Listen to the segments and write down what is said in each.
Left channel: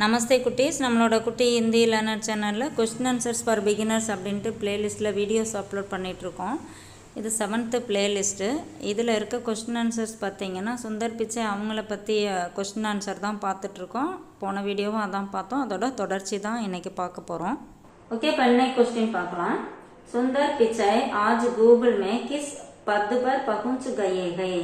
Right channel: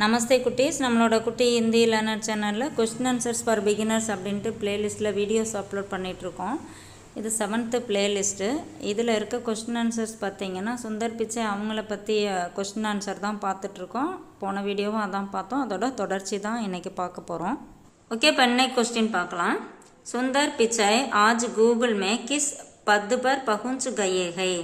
நமஸ்தே குட்டீஸ். நம்மளோட குட்டி ஹிந்தி லேர்னர் சேனலில் கொஸ்டின் ஆன்சர்ஸ் ஃபார் பிகினர்ஸ் அப்படின்ட்டு ப்ளேலிஸ்ட்டில் வீடியோஸ் அப்லோட் பண்ணிகிட்ருக்கோம் இது செவன்த்து ப்ளேலிஸ்ட்டு இதில் இருக்க கொஸ்டின் ஆன்சர்ஸ் பார்த்தீங்கன்னா சுந்தர் பிச்சை அவங்கள பற்றி கொஸ்டின் ஆன்சர் தான் பார்த்துட்ருக்கோம் போன வீடியோவும் அதான் பார்த்தோம். அதோட தொடர்ச்சி தான் இன்றைக்கி பார்க்க போகிறோம் ஓகே இப்போ இன்னைக்கு கொஸ்டின் பார்க்கலாம். சுந்தர் பிச்சை ஆஜ் கூகுள் மே கிஸ் பத்து பர் பகுஞ்சு கையேகை.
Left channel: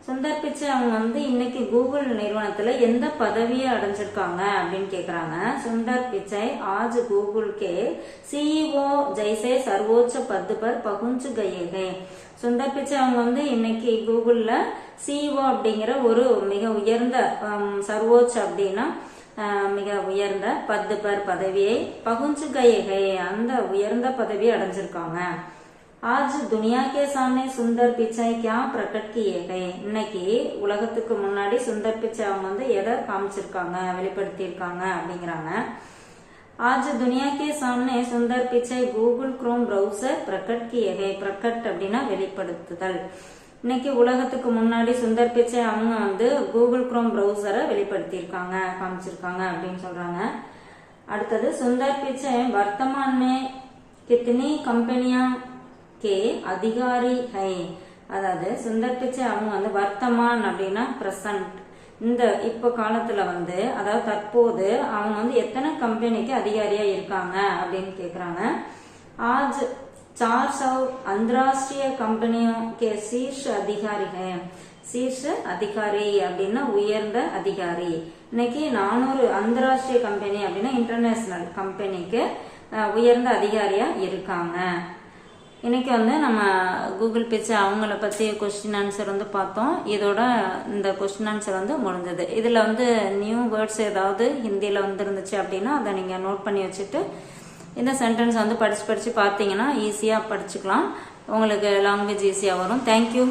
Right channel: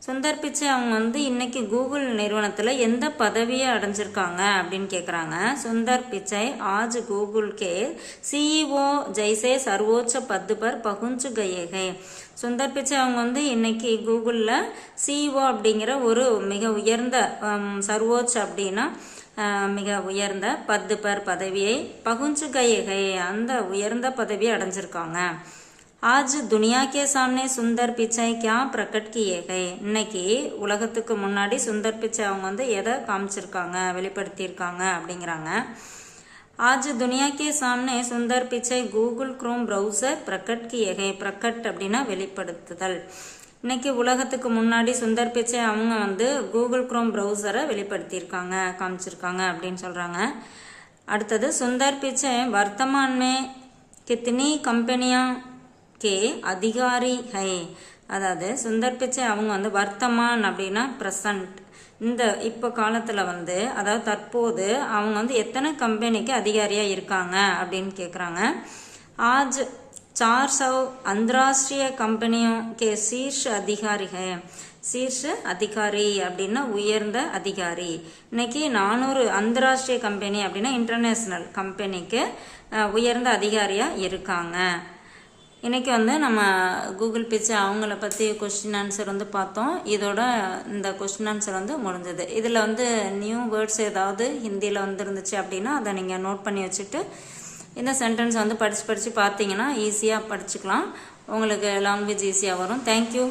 சுந்தர் பிச்சை அவங்க வந்து இன்னைக்கு கூகுள் நிறுவனத்தில் எந்த பதவியை அடைஞ்சிருக்காங்க அப்படின்னு கேட்குறாங்க சுந்தர் பிச்சை ஆஜ் கூகுள் கே சிஇஓ ஜெய்சே சர்வோச்ச பத்து பர் பகுஞ்சு கையகை. சுந்தர் பிச்சை அவங்க வந்து இன்னைக்கு கூகுளில் சிஇஓ அப்படிங்கிற ஒரு மிக உயர்ந்த ஹம், சர்வோச் அப்படின்னா மிக உயர்ந்த பத்து பேர் பதவியை பகுஞ்சு கையகை அந்த உயர்ந்த பதவியை அடைஞ்சிருக்காங்க. ஆஜ் துனியா கே சாமனே சுந்தர் பிச்சாய் கியா பிரகட் கியேகை இன்னைக்கு உலகத்துக்கு முன்னாடி சுந்தர் பிச்சை அவங்க வந்து எதை காமிச்சிருக்காங்க வெளிப்படுத்தியிருக்காங்க அப்படிங்கிறாங்க. ஆஜ் துனியா கே சாமனே Sundar Pichai Google Chrome browser bracket கியேகை பிரகட் அப்படின்னா வெளிப்படுத்துதல். இன்னைக்கு உலகத்துக்கு முன்னாடி சுந்தர் பிச்சை அவங்க வந்து கூகுள் க்ரோம் ப்ரௌசரை வெளிப்படுத்தியிருக்காங்க காமிச்சிருக்காங்க அப்படின்னு சொல்கிறாங்க அடுத்தது சுந்தர் பிச்சை வர்த்தமான் மே கித்தினி கம்பெனியாக கே அதிகாரி ஹை அதாவது சுந்தர் பிச்சை அவங்க வந்து வர்த்தமான் அப்படின்னா ப்ரெசன்ட் இந்த இப்போ காலத்தில் வந்து அதாவது தற்போது அவங்க வந்து எத்தனை கம்பெனிக்கு அதிகாரியாக இருக்காங்க அப்படின்னு கேட்குறாங்க ஆஜ் चार सौ अंतर्राष्ट्रीय कंपनियों के शीर्ष अधिकारी है சீர்ஷ அதிகாரி அப்படின்னா உயர்ந்த அதிகாரி இன்னைக்கு நானூறு அந்தராஷ்டிரிய கம்பெனி அப்படின்னா இன்டர்நேஷ்னல் கம்பெனிக்கு அஹ், உயர்ந்த அதிகாரியாக இருக்காங்க இன்றைக்கி வந்து நம்ம கூகுள் பிச்சை அவங்கள பற்றி கொஸ்டின் ஆன்சர் வந்து பார்த்தோம். இதோட இந்த கொஸ்டின் ஆன்சர் வந்து முடிஞ்சது. இதில் வந்து நியூ வேர்ட்ஸ் ஏதாவது ஹிந்தியில் வந்துருந்துச்சு அப்படின்னா அதை நீங்கள் நோட் பண்ணி வச்சுட்டு இந்த சென்டென்ஸ் வந்து படித்து படித்து பார்த்தீங்கன்னா ஈஸியாக படிச்சுக்கலாம். உங்களுக்கு லாங்குவேஜ் ஈஸியாக வரும். தேங்க்யூ